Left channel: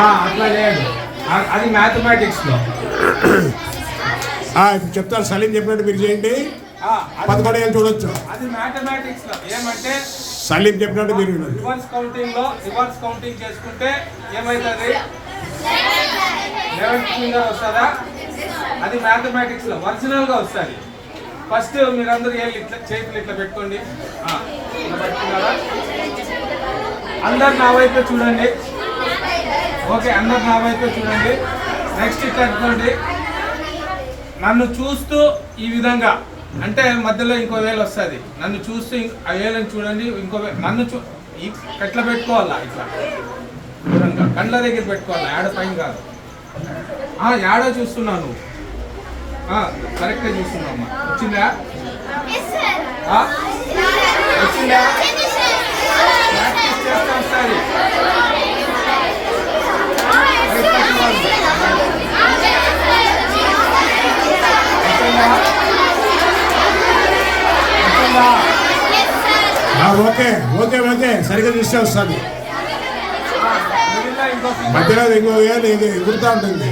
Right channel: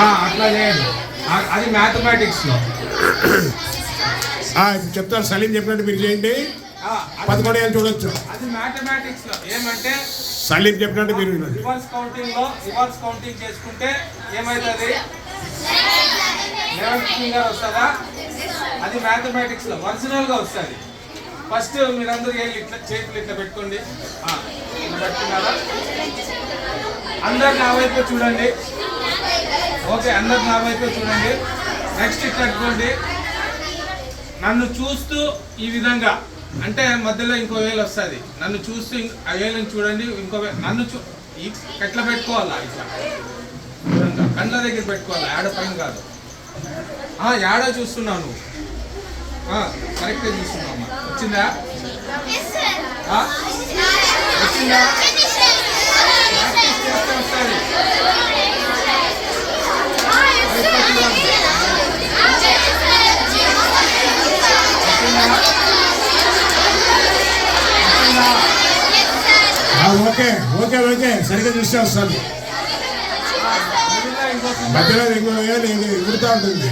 అట్లా చేయండి. అది మ్యాథమెటిక్స్లో. ఇప్పుడు చెప్తాను, సలీం చెప్పినట్టు మీరు చేయండి. 11 ఏళ్ళు చూడొచ్చు. అది మ్యాథమెటిక్స్లో ఏమంటే సలీం చెప్పినట్టు మీరు రివర్స్ కౌంటింగ్ చేసుకుంటే ఏమవుతుంది? 11th ఫింగర్ వస్తుందా? అది మ్యాథమెటిక్స్లో ఒరిజినల్గా వస్తుంది. ఫస్ట్ మీరందరూ ఇట్లా చేతులు ఇట్లా పెట్టుకోండి. ఇట్లా పెట్టుకున్నారా? అందరు నా వైపు చూడండి. ఓకే, అందరు నా వైపు చూడండి. నెక్స్ట్ ఇట్లా పెట్టుకోండి. నన్ను చూస్తూ ఈ విధంగా, అంటే మధ్యలో ఇంకో వేలు వస్తుంది. నన్ను చూస్తూ ఆ వేలని చూడండి. ఇంకో నన్ను ఎట్లా పెట్టుకోవాలా? ఇట్లా కండ్ల దగ్గర పెట్టుకోవాలా, యాడ పైన కాదు. యాడ చూస్తున్నావు నువ్వు? కరెక్ట్గా చూస్తున్నామ్మా. వచ్చిందా? వచ్చిందా? ప్రాక్టీస్ చేస్తూ వస్తుంది. ఓకే ఓకే ఓకే సరిగ్గా చూస్తే వస్తాను. మధ్యలో ఇంకో వేలు ఎగురుతూ ఉంటుంది.